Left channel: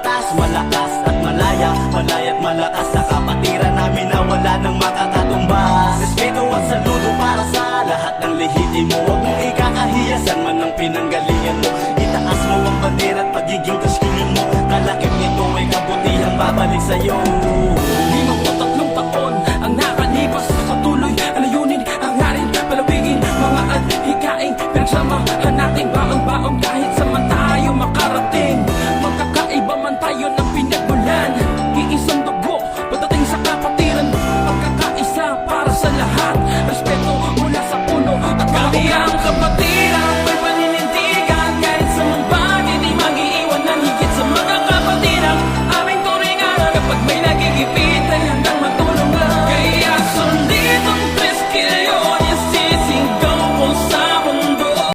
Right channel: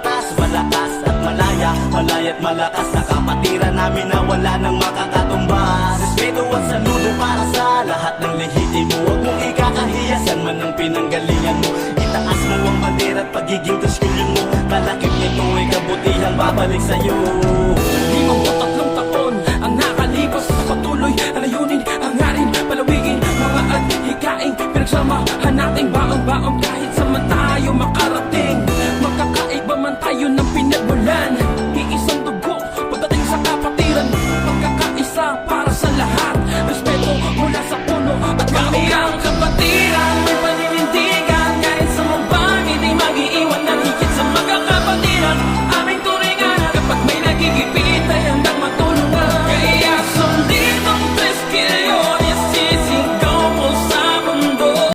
antas, malakas at malaya, malaya at malakas sa kapatiran namin na wala nang makakatumbas. Respeto at saludo para sa lahat ng lehitimo. Huwag mong ikakahiyasan man ang pinanggalingan mo. Itaas mo ang bandera at pagiging Diyos-Union mo. Kalakip nito ay kabutihang babalik sa'yo. 53 taon ang nakalipas, patuloy ang layunin, hangarin, palawigin, mga adhikain, pinagsamahan natin baon